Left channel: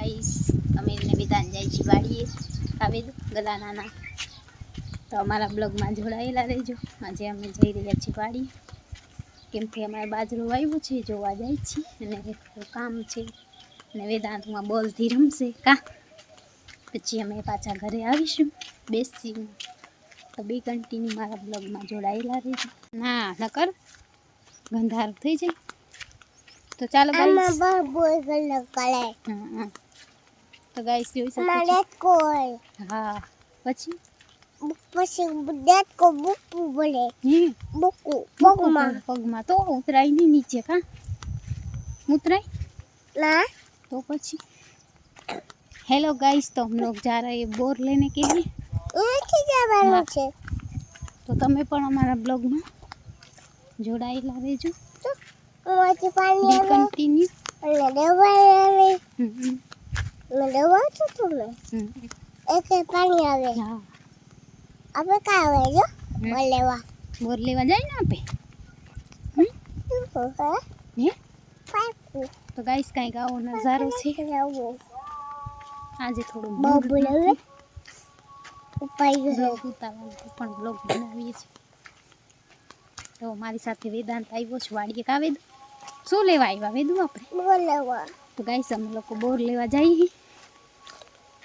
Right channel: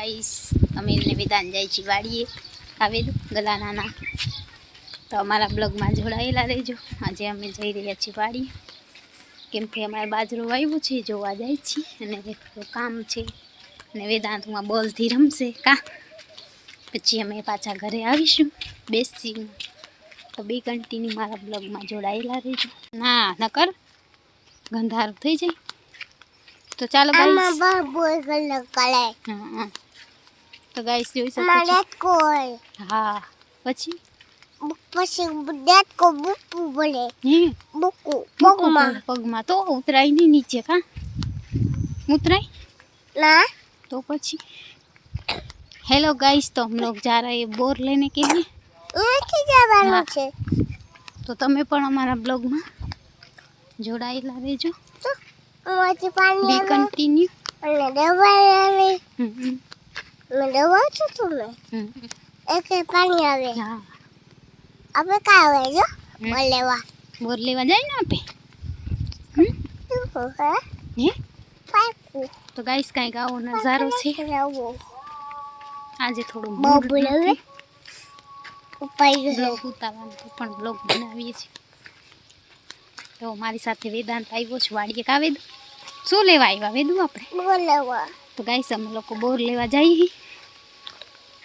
Guys અમે એને વિધાન જાય છીએ વાડીએ આવી દઉં ગલાનાના તો અમારા બ્લોગમાં જોડાયેલા રહેજો. આજે અમે જઈ રહ્યા છીએ વાડીએ કેમ કે અમારે બાજરો વાવ્યું છે જોવા જાય છીએ. અને કામ છે. અને વેદાંતમાં બોલથી રમશે કા? પછી અમે પાછા ઘરે આવીશું બેસી તો બે કન્ટિન્યુ મારા બ્લોગમાં જોડાયેલા રહેજો. ના નકર ગંધારું થઈ જાય. તો ચાલો તો ગાઈસ જોઈ શકો મારે છો કોઈ હા પછી પછી ડેટ કો બુકુ બોલે હે બુકુ મૂકો પગમાં પગ- પગમાં તો ઉતરાય નહીં નીચે કા ઉતરાય ના तो પછી हेलो गाइस तो हम लोग जा रहे हैं बोर लेने के लिए નથી જવાનું હા. છે તો તમે પણ અમારા બ્લોગમાં જોડાયેલા રહેજો મોટી પાણી બી આવે કન્ટિન્યુ અને દવા આવે મેં દવા છું તમે એક પાણી આવે હા આપણે કા આવે જો હમ. બોલેવા બોર લેવા જાય ને આપણે શું હે હે પાકું તો ગાઈસ કાંઈક આવો નજારો છે રાવો આજે થોડું બહુ મૂડ બોલાવે નથી. ઉપાય બ્લોગ ઉતારવાનું તો પણ બ્લોગ બનાવીએ છીએ તો મારી સાથે વેદાંત આવ્યો છે વાડીએ કા વેદુ શું લેવા આવ્યા વેદુ આપણે બોલેવા તો ગાઈસ અમે લોકો બોર લેવા જઈએ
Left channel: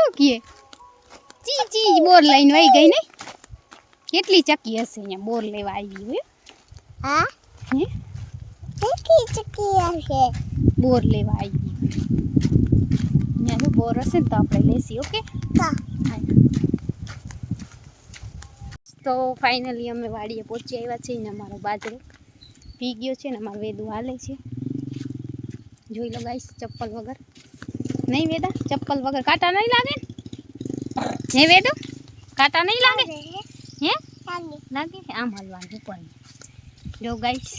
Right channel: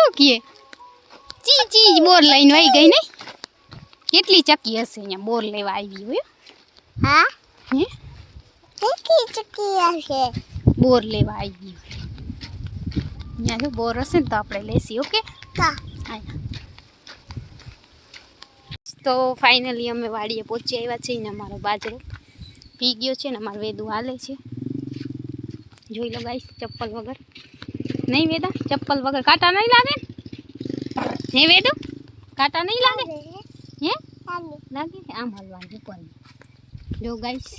શું કીએ ચી ચી બોર લઈને વહી ગઈ નહીં કેટલી ચકી હશે અહીંયા બોર લેવા આવી હોય હા હે ચકી ચકી આવશે બોર લેવા આવી હોય અહીંયા જો બોર હશે ને તો આપણે લેસી ઓકે કા અહીંયા તો ફાઇનલી અમે વાડીએ પહોંચી આવ્યા છીએ ને અમારો બાજરો પી ગયો છે ને અમારો વેદુ હાલે છે જોઈ લો ગાઈસ ચપ્પલ વગર નહીં વેદા ચપ્પલ વગર કાંટા નહીં લાગે ને હે વેદુ કાંટા નહીં લાગે હે લાગે આમ હાલવાનું ઉપર જો ગાઈસ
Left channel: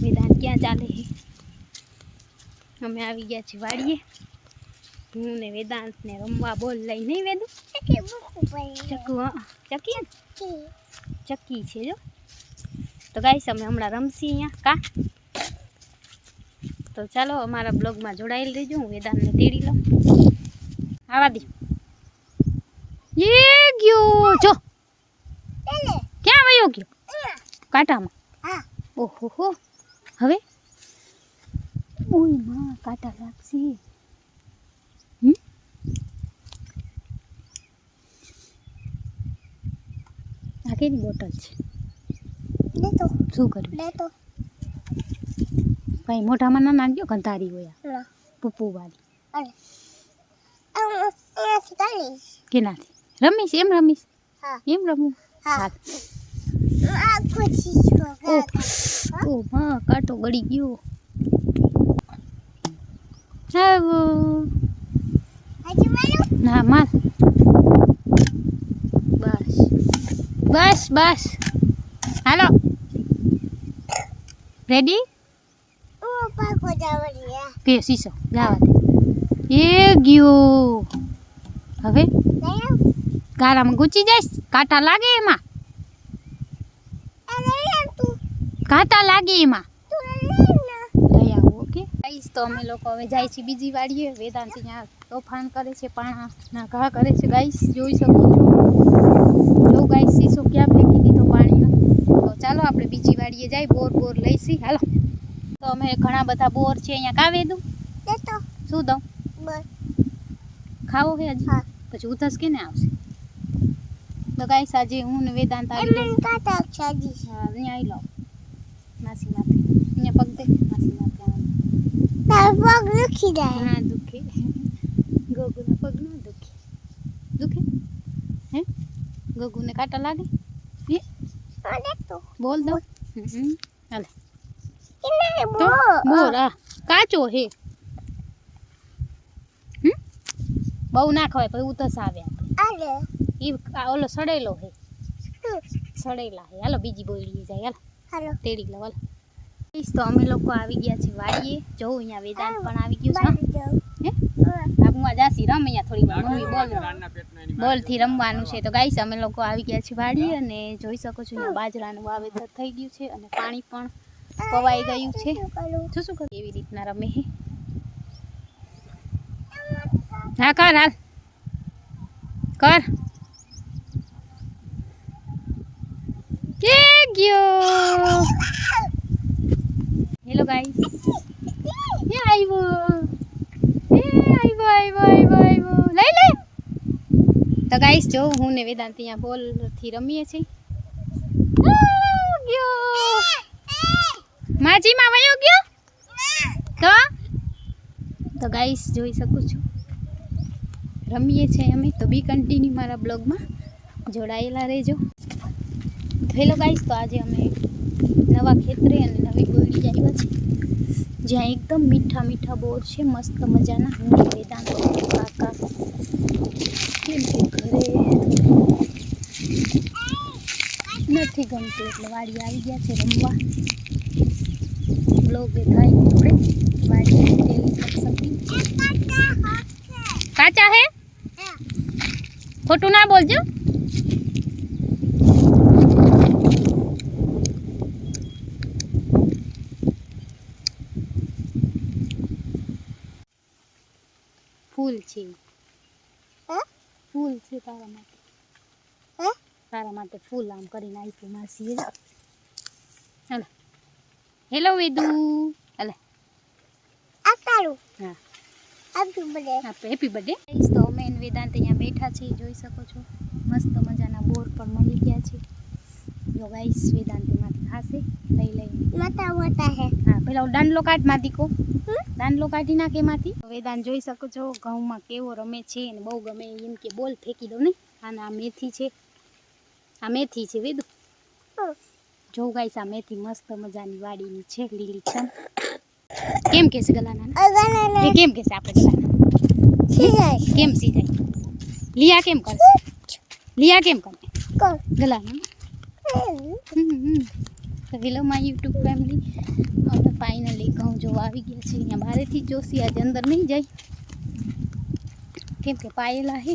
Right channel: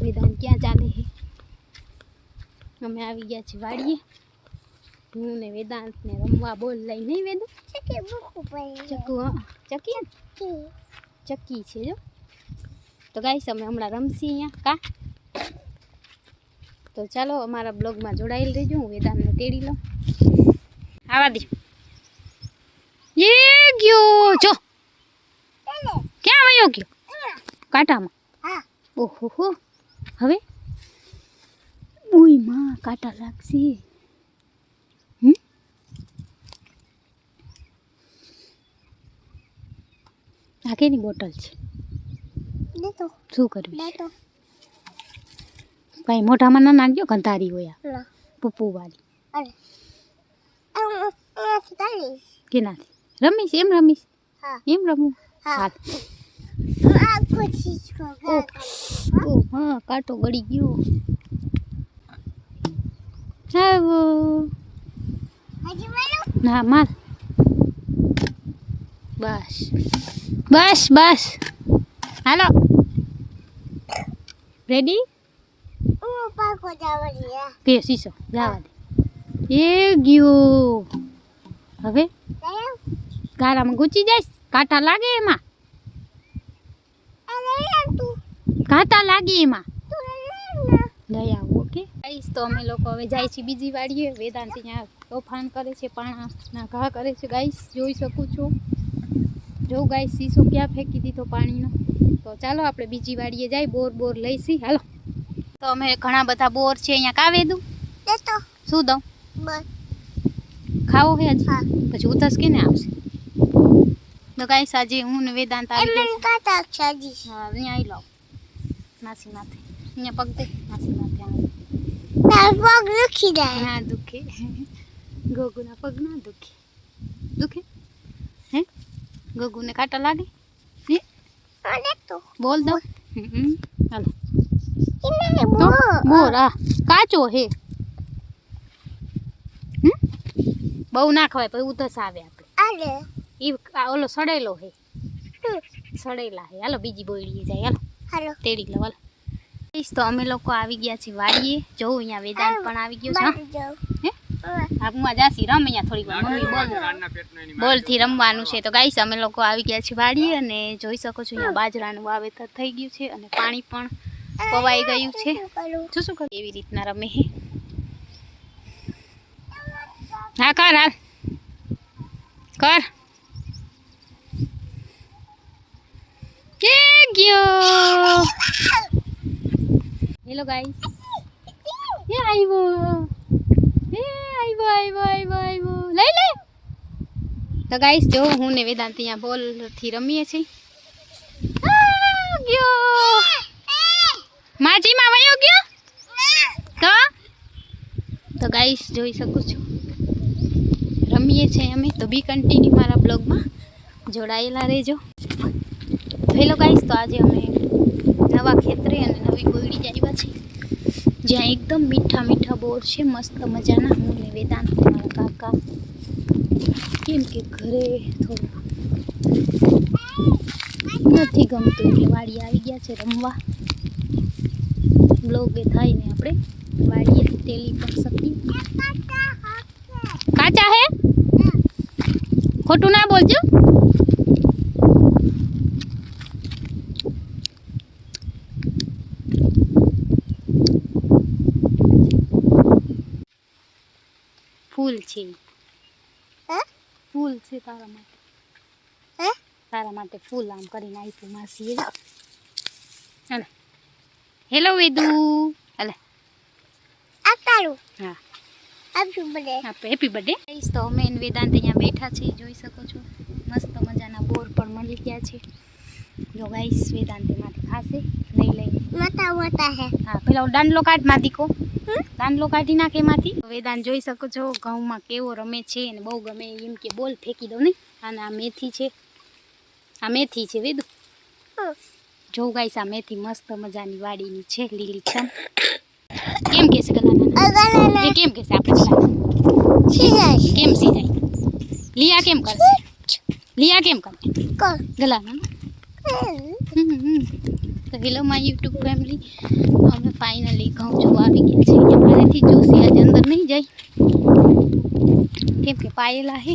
વેદાંત ક્યાં ચાલે છે અમે આવી ગયા છીએ વાડીએ હું ને વેદાંત ને રમવા બોલ લઈ નહીં વેદુ ચકી બુકુ પડી ચકુ હા ચકી હે ને? ચકી ચક્કી છે જો તો ગાઈસ અમે હમણાં રમશી અહીંયા કા તો ચાલો અમારા બ્લોગમાં જોડાયેલ રહેજો. હું વેદાંતને તેડી લઉં. આવા દે. એ ગયો. જો. ક્યાં વયો ગયો? કાંટામાં. ઓહો હો હવે? માં કાંટા લાગશે. આ કેની બોટલ છે? શું કરવી ભાઈ મોઢામાં ના નાખજો ગંધારી હોય પપ્પુ વાળી અરે. આમ આમાંથી કાઢીશ કે નાથી રમીશ એમ રમીશ? હા. એમ રમું? હા. હાલ ઓ હા કાંટો ગળી ગયો. આવો ના માર. બસ. બસ બસ. હાલો. રેડી હું પાકો જાવડિયા પે સીસો જવા દે એ ગયો હવે દયા ગારામાં ગુચી જાય કાંટા લાગે એમાં અરે યાર તું કાંટા લાગે એમાં તું લે ના લઈ આવો ઓકે ગાઈસ તો અમે લોકો હવે જાય છે બીજી વાડીએ વેદાંત અહીંયા તોફાન કરે છે પાણાના ઘા કરે છે ગાઈસ જોઈ શકો છો જો ગાઈસ સીસો ક્યાં ફેંકી દીધો પાણીનો તો ચાલો આપણે બીજી વાડીએ જાય બોર બોર લઈશી હાલો તો અમે ઘણા બધા બોર છે અહીંયા કાવે દઉં લેતો શું દઉં બસ ખાવો હે હજી હા પછી ઉધસ કેને આવશે તો ગાઈસ આજે હું ને વેદાંત આવી એમને કાતા સાજી હા અહીંયા આવી લાવ માસી માથે અહીંયા પગ દે માસી માથે આવે તાર પગ લખી જાય ના દુખે ગોગુના પગ ના દુખે દુખે હે ગોગુને કાંટા લાગે હે હા લેતો બોલ દો હમ હાલો એને તો બો આ કાચો હે. બહુ ના ખવાય પછી ઉધસ આવે આપણે. ઈ ઓલો સડેલો હે. સડેલા હે. હાલો બીજી બોયડી જાય હાલો. હાલો. તેડી લો હાલો. તો અમે લોકો આવી ગયા છે વાડીએ. જોઉં અહીંયા વેદાંત પણ આવી ગયો છે હે. આપમાં જાસી રમ અહીંયા થોડી વાર. મમ્મી બોલ. બોલથી રમવાનું છે. તો ગાઈસ અમે લોકો આવી ગયા છીએ વાડીએ અને જોઈ શકો છો અહીંયા બાજરાનું વાવેતર થઈ ગયું છે અને પાણી પણ પવાઈ ગયું છે. શું શું કરું? એવી રીતના રમે હે. હા કર હાલ. કર. ગયો? હેલો ગાઈસ એ આવ્યો એ આવ્યો આવ્યો આવ્યો આવ્યો લઈ લે તો ગાઈસ જો હું ને વેદાંત અહીંયા બોલથી રમીએ છીએ. ગયો. માજીમાં વયો ગયો તો તો ગાઈસ જોઈ શકું છું રમીએ છીએ અમે તો બી કન્ટિન્યુ મારા બ્લોગમાં જોડાયેલા રહેજો હેલો ગાઈસ તો આજે અમે નવા ખેતરે અને નવી ગોયડી જ આવ્યા છે જ્યાં એકદમ મીઠા મીઠા બોર છે મસ્ત મજાના હું ને વેદાંત અમારા કાકા કેમ કે ઘરે નથી ગમતું એટલે વાડી આવી ગયા છે રમવા બ્લોગ એ થાય ને આપણે. વાડીએ તેલી કરી કાચા હે? ખોટું ના બોલજો. ફૂલ છે. ફૂલ છે તારા માટે. હે? તારા માટે ફૂલ આમ કરીને આપ્યું માસીએ. હાલે. હેલો વેદુ હાલે આ તારું હા બધે આપણે હેપી બર્થડે તો અમે અને વેદાંત અહીંયા બેઠા છે જોઈ શકો છો. મસ્ત મજાના બોર પણ મળી ગયા છે. જો ગાઈસ વેદાંત એમાંથી ખાશે. લઈ લઈને માતા મોટા હે. હા પેલા દાંડલો કાઢમાંથી કો હમ? દાંડલો કાઢી નાખે એમાંથી. વેદાંત જોઈ શકો છો ઘઉંમાં કેવો રમે છે અને બહુ ગમે એમ કે બોલ ફેંકી દો ને અને આ મેથી છે. આ મેથી છે વેદુ. જો ગાઈસ આ મેથી મસ્ત મજાની વાડીની છે લીલી છમ કેમ કે છે ગલાના અગલાના એ કેમ કે છે આપણે ગલાના છીજાય કેમ સીજાય લિયા કેમ કરશે લિયા કેમ કરે કોણ ગલાના તો હેલો માય યુટ્યુબ ફેમિલી અમે ફાઇનલી ઘઉં જોવા આવી ગયા છે અહીંયા મારેથી જોશી આજે અંદર નહીં જાય કેમ કે પાયેલા છે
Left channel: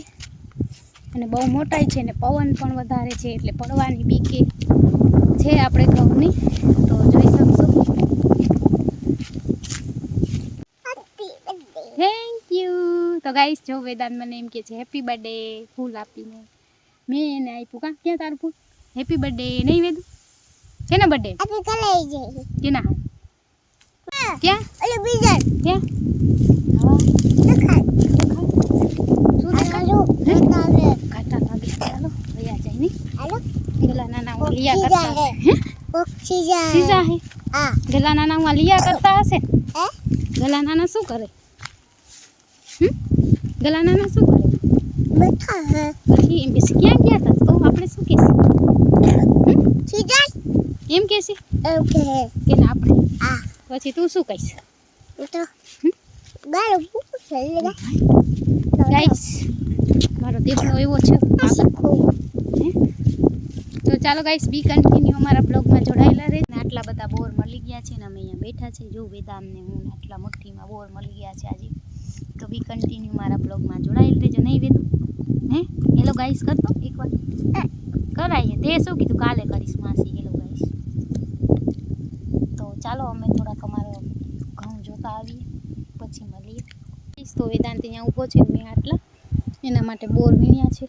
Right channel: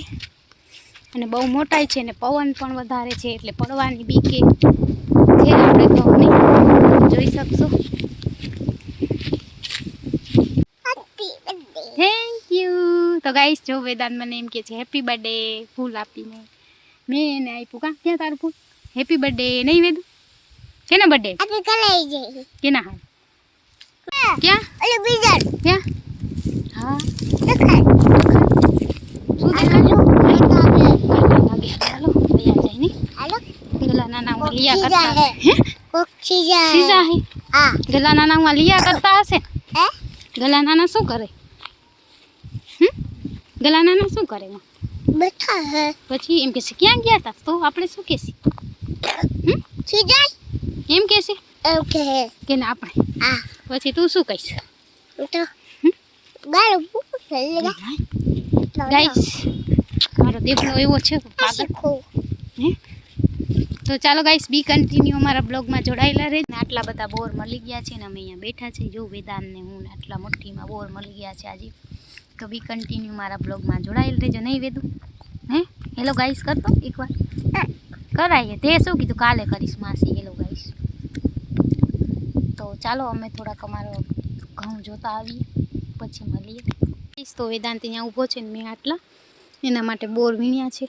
અને બહુ મોટાઈ છે ને પવન પણ વધારે છે એટલે પડવાની બીકે છે આપણે ઘઉંની જોઈ શકશો. થેન્ક યુ તો ગાઈશ જો વેદાંત મને એમ કે છે હેપી બર્થડે ફૂલ આપીને. મેં એને આપ્યું. કા? ક્યાં તારું ફૂલ? હેપી બર્થડે નહીં વેદું? કેના બર્થડે કેના હા. ક્યાં? ક્યાં? હા. ગલા નાના કોક માં લિયા ચીજા કરતા હે. હે કોક છીજા સીઝા હે આ ગલા નાના માં લિયા કરતા હશે હે ગલા નાના શું કરે હમ ગલા નાના શું કરે એમાં? બેઠા હે પછી એમ કે ક્યાં ગયા હતા તો આપણે શું કહેશે હમ છીજા એમ કહેશે એમ કે હે કે ના આપણે આ પછી તું શું કહીશ તો હમ? ગાલો પૂછ લે ગાઈસ મારો દેવનો એવો છે આ શીખો હે તો ચાલો ગાઈસ બી કન્ટિન્યુ અમારા બ્લોગમાં જોડાયેલા રહે. આટલા બધા બોર મળી ગયા છે ને અમે અહીંયા બેઠા છે. જો વેદાનને હું આટલા મુઠ્ઠીમાં બોર મળી ગયા છે આજે. તો બી કન્ટિન્યુ મારા બ્લોગમાં જોડાયેલ રહેજો. નહીં વેદું? હે? હેલો ગાઈસ કરતો એકવાર. કરાવીએ તે શું કીધું? કાલે કરીશ માસી. હેલો ગાઈસ તો ચાલો અમે થોડાક અમારો ઘઉં જોતા આવીએ. પછી મળીએ. તો વેદાંત અહીંયા ઊભો છે મેં આટલા. એના માટે બોર વીણ્યા છે.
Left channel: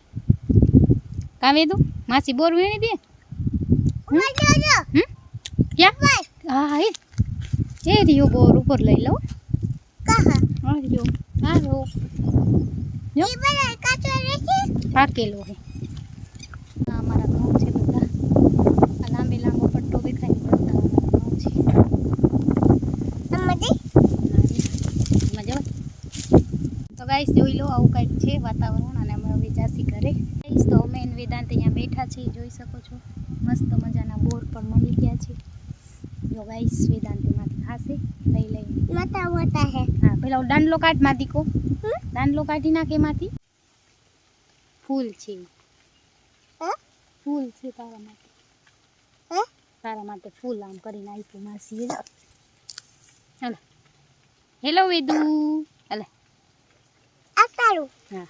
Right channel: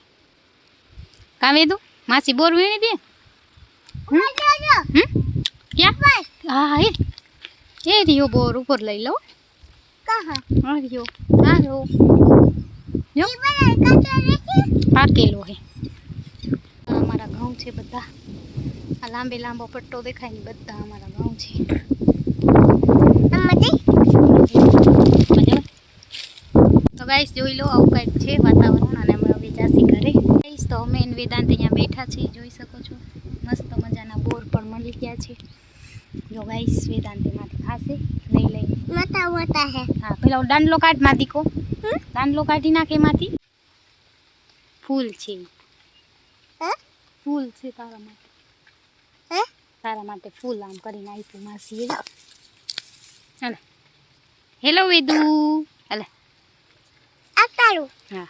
કાં વેદું? માસી બોર વીણી દે. ક્યાં? હા એ. એ રહ્યો બોર ઉપર લઈ લો હા, રહ્યો. હા, રહ્યો. પાકેલો હે. અમારા ઘઉં છે બધા. આ લાંબે લાંબો પટ્ટો દેખાય ને બધા અમારા ઘઉં છે. તો ગાઈસ જોઈ લો આવું કંઈક છે વાતાવરણ અને અમે હવે જાસી ઘરે. તો અમે વેદાંત અહીંયા બેઠા છીએ જોઈ શકો છો. મસ્ત મજાના બોર પણ મળી ગયા છે. જો ગાઈસ વેદાંત એમાંથી ખાશે. લઈ લઈને માતા મોટા હે. હા પેલા દાંડલો કાઢમાંથી કો? દાંડલો કાઢી નાખે એમાંથી. ફૂલ છે. હે? ફૂલ છે તારા માટે. હે? તારા માટે ફૂલ આમ કરીને આપ્યું માસીએ હાલે. હેલો વેદુ. હાલે. આ તારું? હા.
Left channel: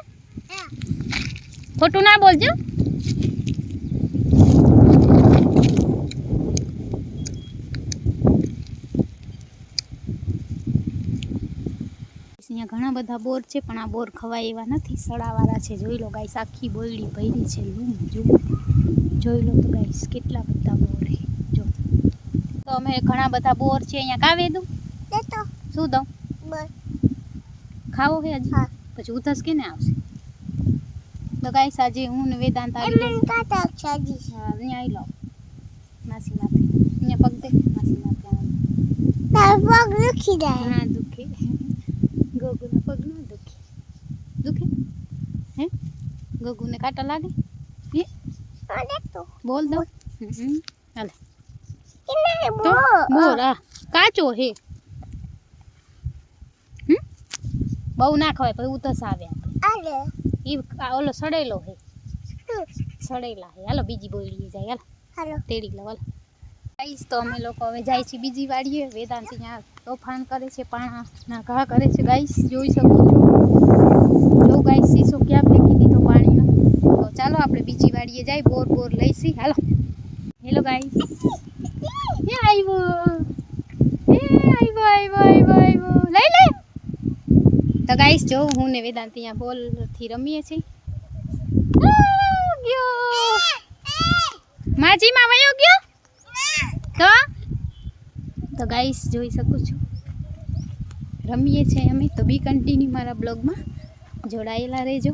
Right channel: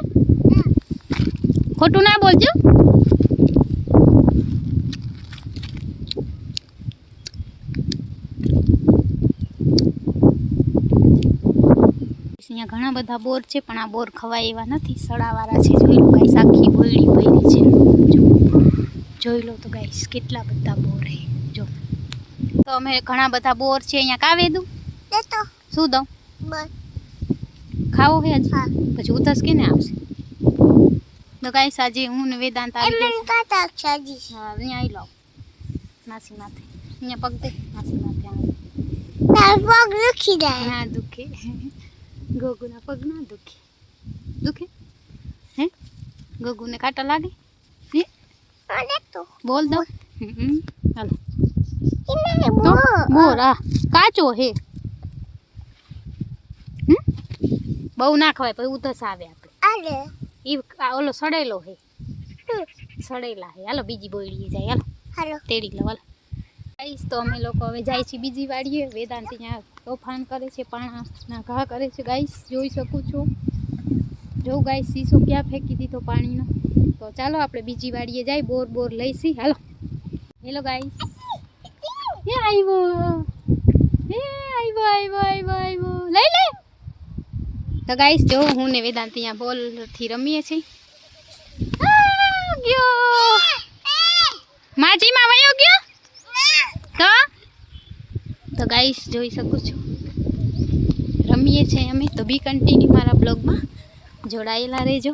ખોટું ના બોલજો. અહીંયા ઘણા બધા બોર છે પણ આ બોર ખવાય એવા નથી. સડાવાળા છે જોઈ લો ગાઈસ આખી બોયડી ભરી છે. જો જોઈ લો તો ગાઈસ કેટલા બધા બોર છે. જો. તો અમે ઘણા બધા બોર છે અહીંયા કાવે દઉં. દે શું દઉં? બસ. ખાવો હે હજી? પછી ઉધસ કેને આવશે? તો ગાઈસ આજે હું ને વેદાંત આવી એમને કાતા સાજી હા અહીંયા આવી લાવ માસી માથે. અહીંયા પગ દે. માસી માથે આવે તાર પગ દુખી જાય. ના દુખે. ગોગુના પગ ના દુખે. દુખે? હે? ગોગુને કાંટા લાગે? હે? આ તો બોલ દો. હાલે. તો બો બોલ આ કાચો હે. હમ? બહુ ના ખવાય પછી ઉધસ આવે આપણે આલે ઈ આ ઓલો સડેલો હે હમ. સડેલા હે હાલો બીજી બોયડીએ જાય હાલો હાલો તેડી લો હાલો ગાઈસ તો અમે લોકો હવે જાય છે બીજી વાડીએ વેદાંત ત્યાં તોફાન કરે છે પાણાના ઘા કરે છે ગાઈસ જોઈ શકો છો જો ગાઈસ સીસો ક્યાં ફેંકી દીધો પાણીનો તો ચાલો આપણે બીજી વાડીએ જાય બોર બોર લઈશી હાલો હેલો ગાઈસ એ આવ્યો તો ગાઈસ જો હું ને વેદાંત અહીંયા બોલથી રમીએ છીએ. માજીમાં વયો ગયો? તો? તો ગાઈસ જોઈ શકું છું. રમીએ છીએ અમે. તો બી કન્ટિન્યુ મારા બ્લોગમાં જોડાયેલા રહેજો.